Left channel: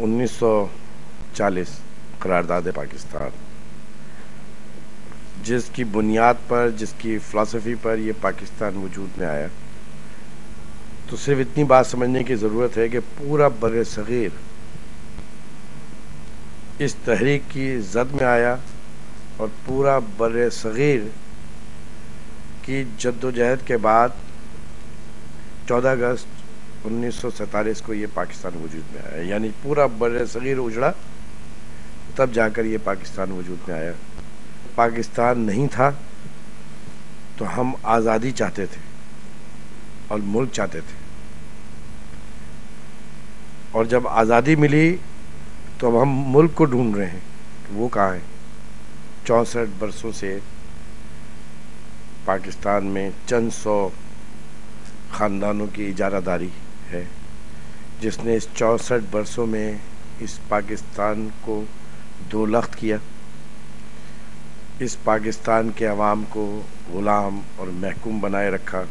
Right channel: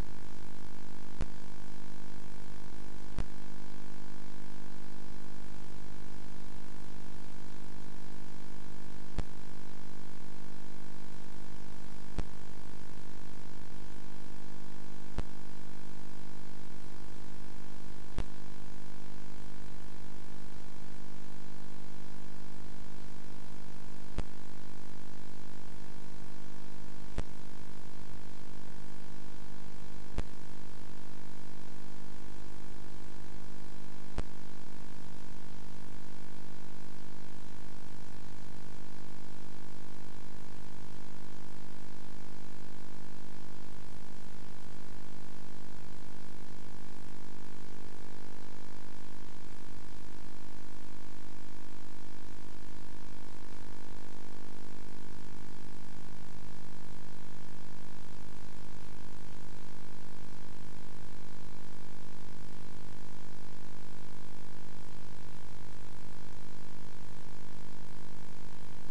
1940 قرارداد پاکستان، جس کی بنیاد پر، جس کی فلسفی پر یہ پاکستان وجود میں آیا، تو صرف اتنی بات سمجھنے کی ضرورت ہے کہ پورا بر صغیر اس تحریک کی زد میں آیا، اور پورا بر صغیر کی جد و جہد کے بعد 14 اگست 1947 کو یہ پاکستان وجود میں آیا. یعنی پورا بر صغیر اجڑا، تب جا کر یہ پاکستان وجود میں آیا. پاکستان نہیں تھا تو ہم آزادی چاہتے تھے اور ملک چاہتے تھے، اور جب آزادی ملی تو اب ہم ملک کو ڈھونڈ رہے ہیں کہ وہ کہاں ہے. 64 برسوں سے پاکستان میں چند سو خاندانوں کی اجارہ داری ہے، جس نے اس 64 برسوں میں اس پاکستان کو دو لخت کیا، اس پاکستان کے عوام کو غلام اور محکوم بنائے رکھا.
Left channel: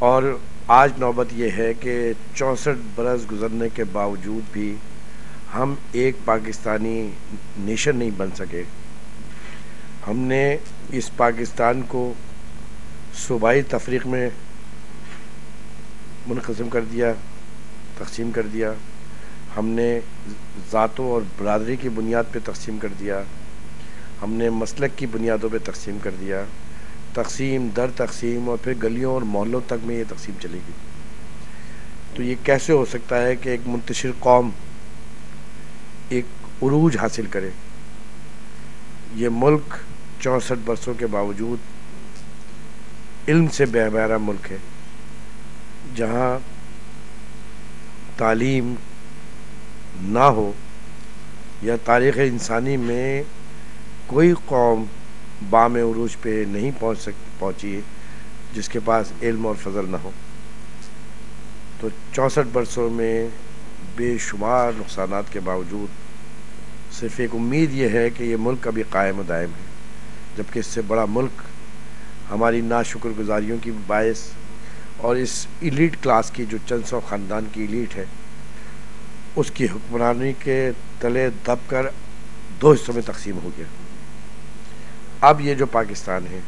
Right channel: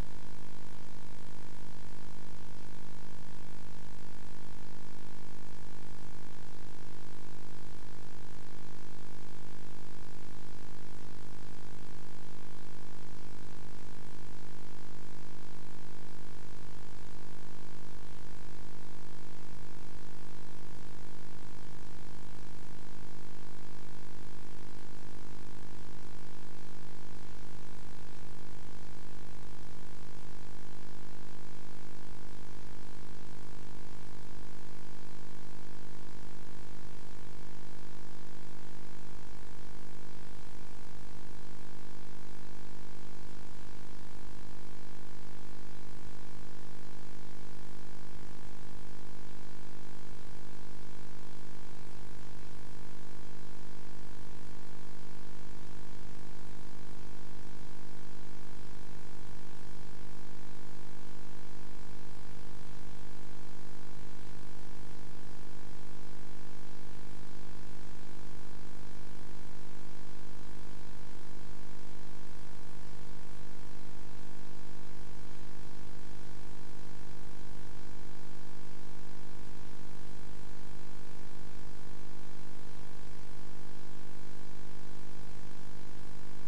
اور آج نوبت یہ ہے کہ 64 برس گزرنے کے باوجود بھی ہم ایک پاکستانی نیشن نہیں بن سکے. ہم نے اس پاکستان کو صوبائی تفریق میں منقسم کر دیا، تقسیم کر دیا. ہم نے ذاتوں اور برادری کی بنیاد پہ تقسیم کر دیا. ہم نے مسلک کی بنیادوں پہ تقسیم کر دیا. تقسیم در تقسیم، اور پھر گلیوں اور محلوں تک میں یہ تقسیم چلے گی. تو یہ کیسے ہو سکتا ہے کہ ایک منتشر قوم ایک عروج حاصل کرے؟ یہ ملک 64 برسوں کے باوجود علم سے بے بہرا ملک ہے، جہاں تعلیم نہ ہو، یا تاریخ انسانی میں کوئی قوم بام عروج پہ نہیں پہنچی جس کے پاس علم اور فضل نہ ہو. تو 64 برسوں میں بے شمار نقصانات کے باوجود صرف ایک امید یہ ہے کہ یہ ملک ابھی قائم و دائم ہے، جبکہ اس سے بڑا ملک ہماری ناشکر گزاریوں کی باعث اور اس ایلیٹ کلاس کی جو چند سو خاندان کی ایلیٹ ہے، اس کی حکمرانی کے تلے دب کر دو حصوں میں تقسیم ہو گیا. اب یہ جو پاکستان ہے،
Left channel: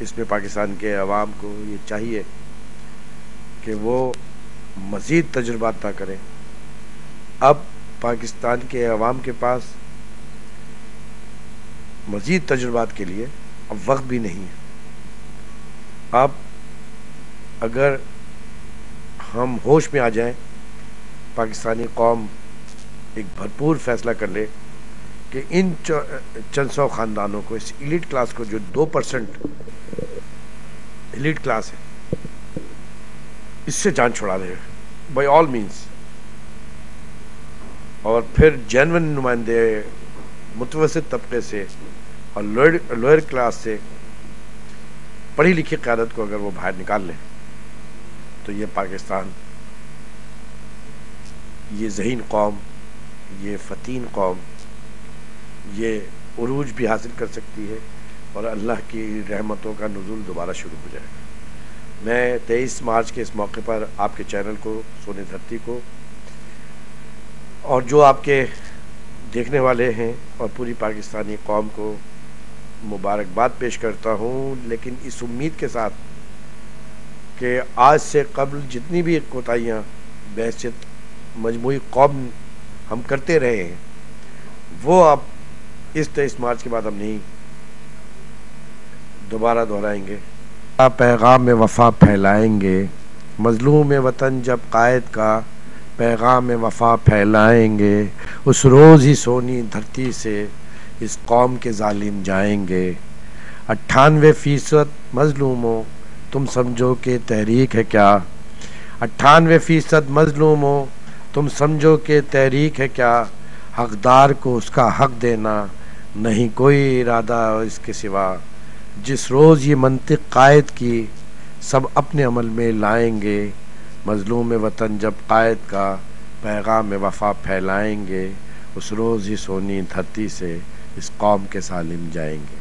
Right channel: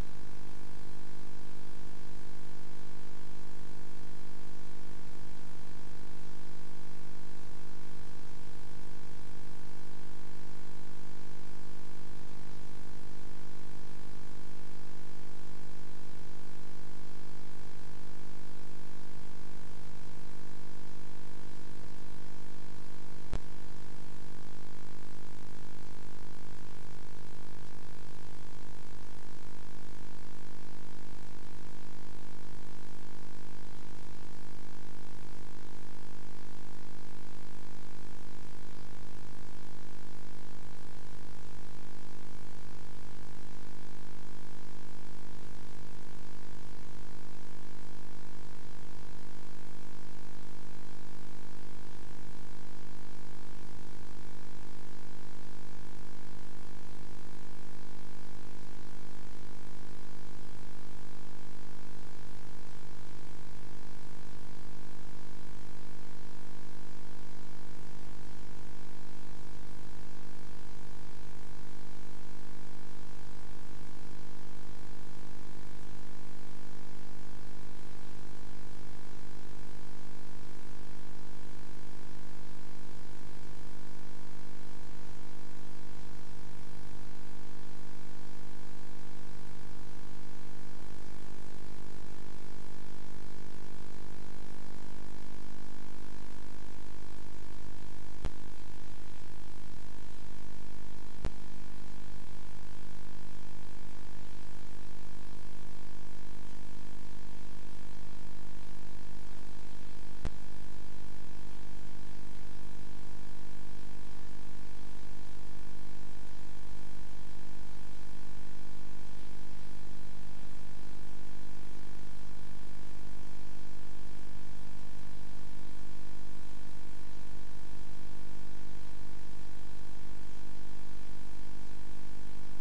اس میں پاکستان کے عوام کو یہ چاہیے کہ وہ مزید تجربات نہ کریں. اب پاکستان کے عوام کے پاس مزید تجربات کے لیے اب وقت بھی نہیں ہے. اب اگر ہم ہوش میں آ جائیں، پاکستانی قوم ایک بھرپور فیصلہ کر لے کہ ان چند سو خاندانوں کو، اس ایلیٹ کلاس کو جو 2% ایلیٹ کلاس ہے، اس سے جان چھڑا لے بائی آل مینس. اور پھر جینون نمائندے متوسط طبقے سے اور لوئر کلاس سے پڑھی لکھی قیادت کو اگر وہ باہر نکال لیں، تو یہ پاکستان، یہ ذہین قوم، یہ فتین قوم، یہ عروج بھی حاصل کر سکتی ہے، اور اللہ کی رحمتوں کا نزول دوبارہ شروع ہو جائے گا. میں 23 مارچ کے اس موقع پر آپ کے چینل کو، سونی دھرتی کو، اور جو آپ کے دیکھنے والے ہیں، اور پوری پاکستانی قوم کو مبارکباد پیش کرتا ہوں، لیکن اس امید کے ساتھ کہ آج سے قبل جتنی بھی کوتاہیاں بحیثیت مجموعی قوم ہم کرتے رہے ہیں، وہ اب اس 23 مارچ کے بعد ہم نہیں دوبارہ دہرائیں گے. پیغام وفا پھیلائیں گے، مظلوم وطن جب قائد کا پیغام وفا پھیلائیں گے، اس روز ہی سونی دھرتی سے اس قوم کے ظالم جائیں گے. 98% مظلوموں تم سمجھو کہ تحریک ہے کیا، 98% مظلوموں تم سمجھو کہ تحریک ہے کیا، حقدار کو اس کا حق دینا نہیں کوئی ارادہ اس کے سوا. جس روز یہ منطق قائد کی سب اپنے عمل میں لائیں گے، مظلوم وطن جب قائد کا پیغام وفا پھیلائیں گے، اس روز ہی سونی دھرتی سے اس قوم کے ظالم جائیں گے.